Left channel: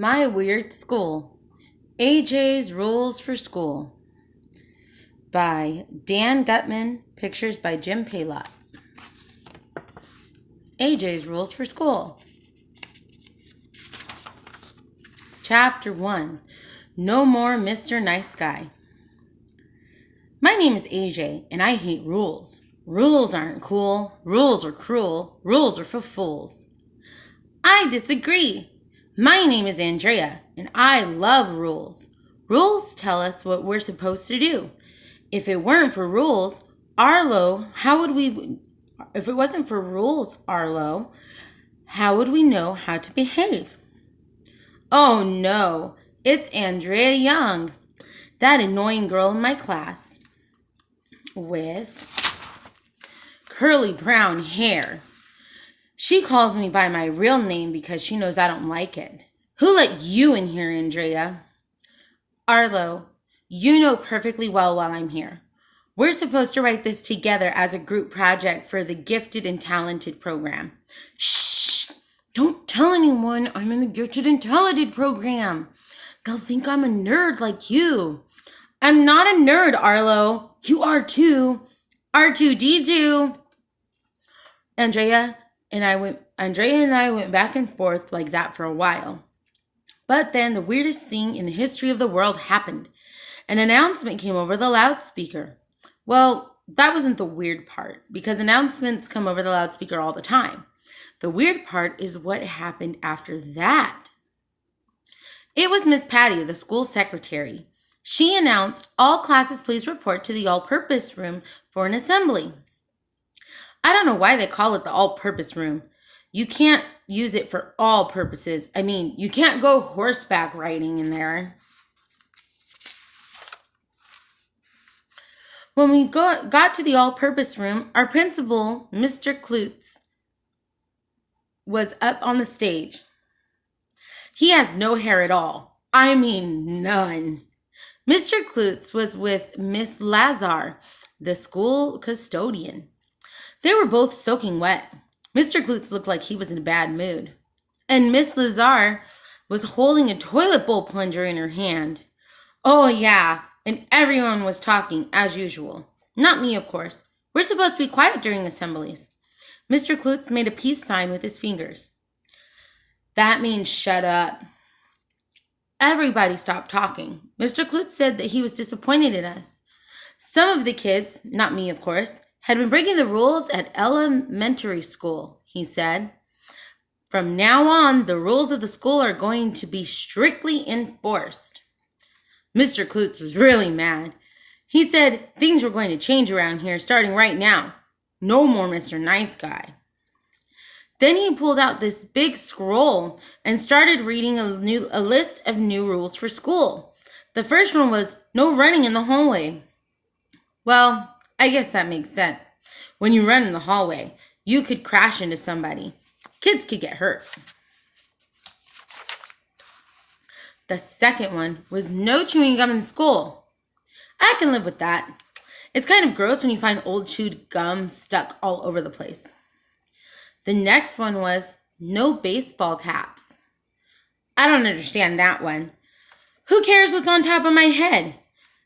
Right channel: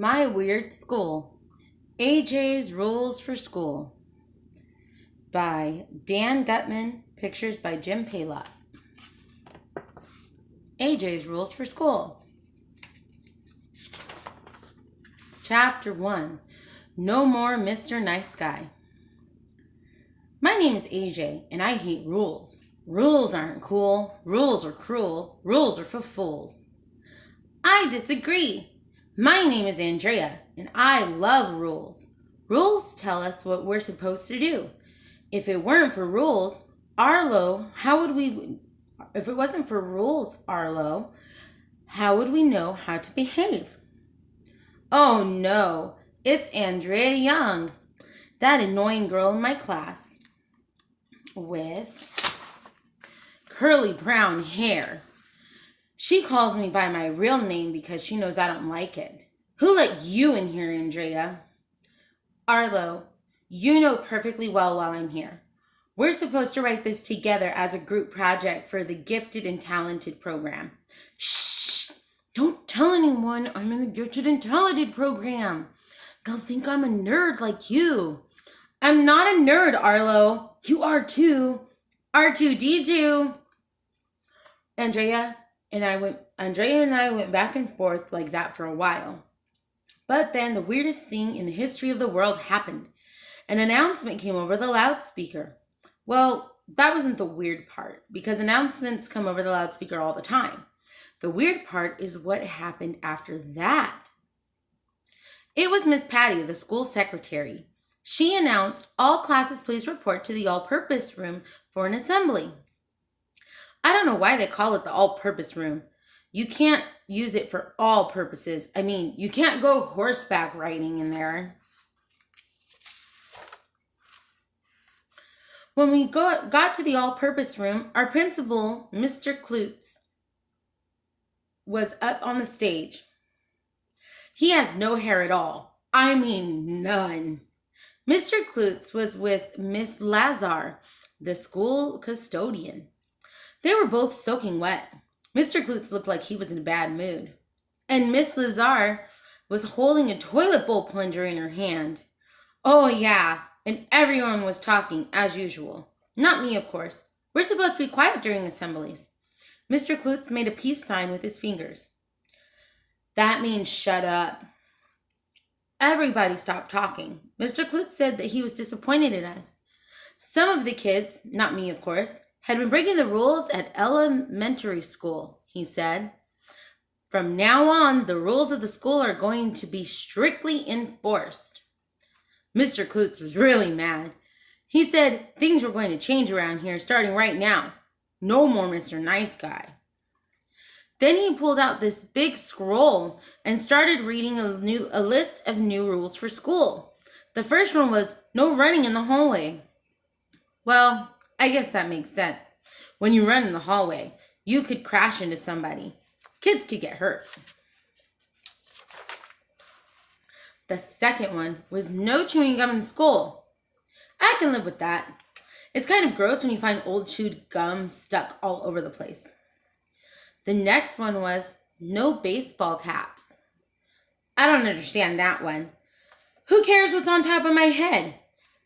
My Weird School. AJ's Rules for School by Dan Gutman, pictures by Jim Paillot. AJ's Rules for School. Chapter 1. No More Mr. Nice Guy. My name is AJ, and I hate rules. Rules aren't cool. Rules are cruel. Rules are for fools. I disagree. My name is Andrea, and I love rules. Rules tell us what we're supposed to do. If it weren't for rules, Arlo, if it wasn't for rules, Arlo, how would we know how to behave? Oh no, it's Andrea Young, that annoying girl in my class with curly brown hair. She calls me by my real name because she knows I don't like it. Who let you in here, Andrea? Arlo, you know perfectly well while I'm here. We're supposed to write this together as a group project for the Gifted and Talented program. Shh! Don't tell anyone I'm in the Gifted and Talented program. They'll think I'm a nerd like you. I'm not a nerd, Arlo. You are too. R2D2. Andrea and I went back and forth like that for a while. But then the weirdest thing in the history of the world happened. An announcement came over the loudspeaker. Well, that wasn't the weird part, because announcements come over the loudspeaker all the time. The weird part is what happened after that. It was Miss Patty, the school secretary. She announced, all classes please report to the all-purpose room for an assembly. I don't know why they call it the all-purpose room. You can't use it for all purposes. I mean, you can't go horseback riding in there. When we got to the all-purpose room, our principal, Mr. Klutz, was up on the stage. He has no hair at all. I mean, none. Mr. Klutz was with Miss Lazar, the school custodian. They were both soaking wet. Mr. Klutz looked like he was in a bad mood. And Miss Lazar was holding a toilet bowl plunger in her hand. Oh, yeah, and everyone was talking as usual. Not me, of course. We're supposed to be quiet during assemblies. Mr. Klutz made a peace sign with his fingers. That means shut up. Everybody stopped talking. Mr. Klutz said that he was disappointed in us. Some of the kids, not me, of course, had been breaking the rules at elementary school, he said. From now on, the rules of the school are going to be strictly enforced. Mr. Klutz was really mad. He said things were going to change around here starting right now. No more Mr. Nice Guy. Then he pulled out this big scroll and started reading a list of new rules for school. The first one was no running in the hallway. Well, I guess that makes sense. When you run in the hallway, you could crash into somebody. Kids could get hurt. The second one was no chewing gum in school. I can live with that. It's kind of gross when you find old chewed gum stuck all over the place. The next one was no baseball caps. I don't understand that one. Who cares what's on top of my head?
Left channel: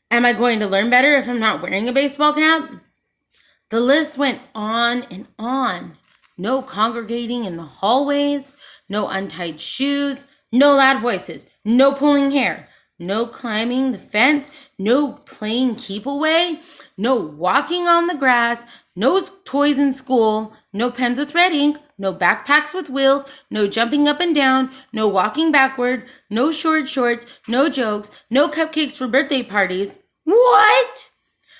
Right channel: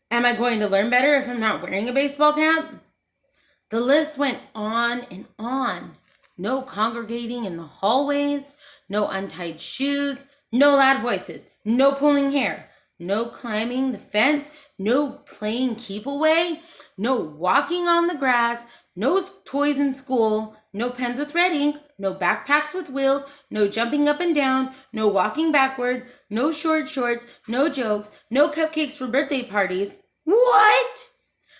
Am I going to learn better if I'm not wearing a baseball cap? The list went on and on. No congregating in the hallways, no untied shoes, no loud voices, no pulling hair, no climbing the fence, no playing keep away, no walking on the grass, no toys in school, no pens with red ink, no backpacks with wheels, no jumping up and down, no walking backward, no short shorts, no jokes, no cupcakes for birthday parties. What?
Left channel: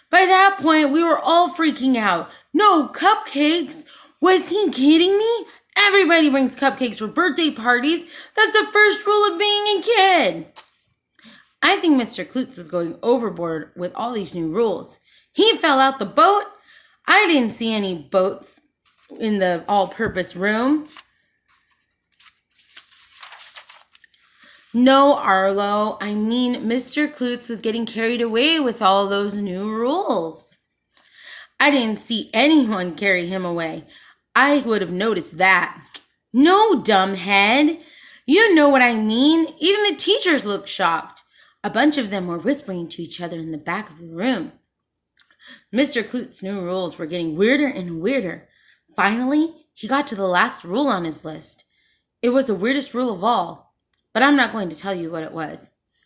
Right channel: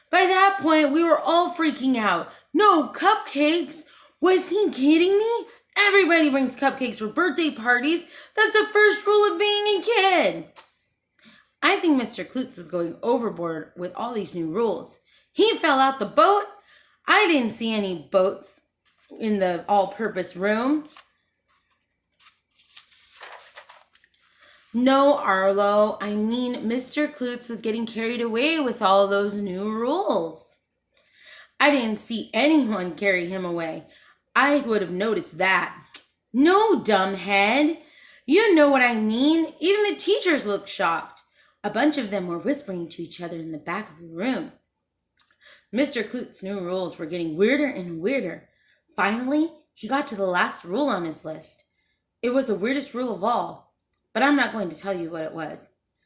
By that point, we were all freaking out. No cupcakes? Was he kidding me? Everybody brings cupcakes for birthday parties. That's the first rule of being a kid. I think Mr. Klutz was going overboard with all these new rules. He fell out the boat. I didn't see any boats in the all-purpose room. No, Arlo, I mean Mr. Klutz was getting carried away with all those new rules. I didn't see anyone carry him away. I would have noticed that. No, dumbhead. You know what I mean. Even the teachers looked shocked. A bunch of them were whispering to each other in the back of the room. Mr. Klutz's new rules were getting weirder and weirder. Finally, he got to the last rule on his list. It was the weirdest rule of all, but I'm not going to tell you what it was.